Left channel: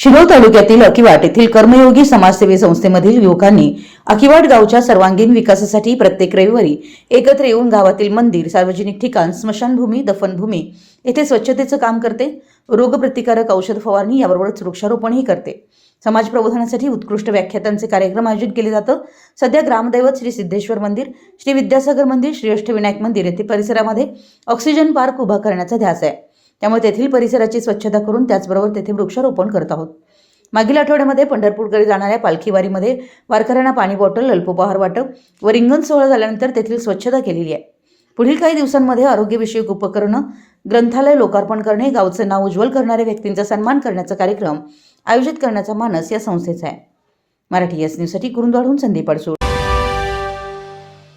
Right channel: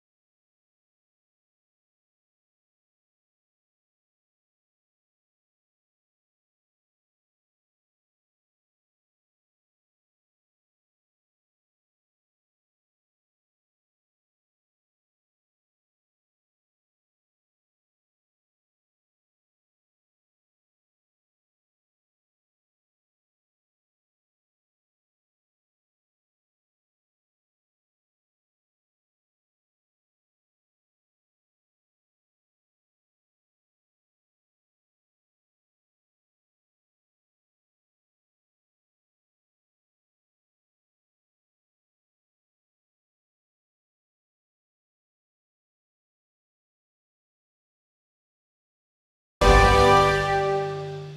शिरोळ तालुक्यातील अकिवाट येथील कर्मयोगी समाजसेवी संस्थेमधील युवकांनी अकिवाट गावच्या सर्वांगीण विकासासाठी प्रत्येक रविवारी एकत्र येऊन गावातील मंदिर सार्वजनिक ठिकाण स्मशानभूमी दफनभूमी येथे स्वच्छतेचं काम करते. रोगप्रतिकारक औषध फवारणी याबरोबरच वृक्षारोपणही करते. समाज प्रबोधनासाठी उत्कृष्ट व्याख्यातांचे कार्यक्रम आयोजित केले जातं. सध्या ग्रामदैवत श्री सिद्धेश्वर मंदिर श्री विद्यासागर मंदिर श्री अष्टविनायक मंदिर येथे परिसरामध्ये ऑक्सिजन पार्क उभा करण्याचा ध्यास आहे. त्यामुळे तेथील परिसराची स्वच्छता करून त्याचबरोबर तेथे वृक्षारोपण करत आहोत. मागील आठवड्यामध्ये पंढरपूरकडे जाणाऱ्या पालखीवारीमध्ये वारकऱ्यांना पाणी बॉटल अल्पोपहार वाटप व रिंगण सोहळा झाल्यानंतर तेथील स्वच्छता केलेली आहे. पुढील काही दिवसांमध्ये आरोग्यविषयक उपकरणं ग्रंथालय लोकार्पण करणे गावचं नाव उज्ज्वल करणाऱ्या व्यक्तींचा सन्मान करण्याचा कार्यक्रम आयोजित करण्याचा मानस या संस्थेचा आहे. मराठी एस न्यूजसाठी कुरुंदवाडहून संदीप अडसूळ.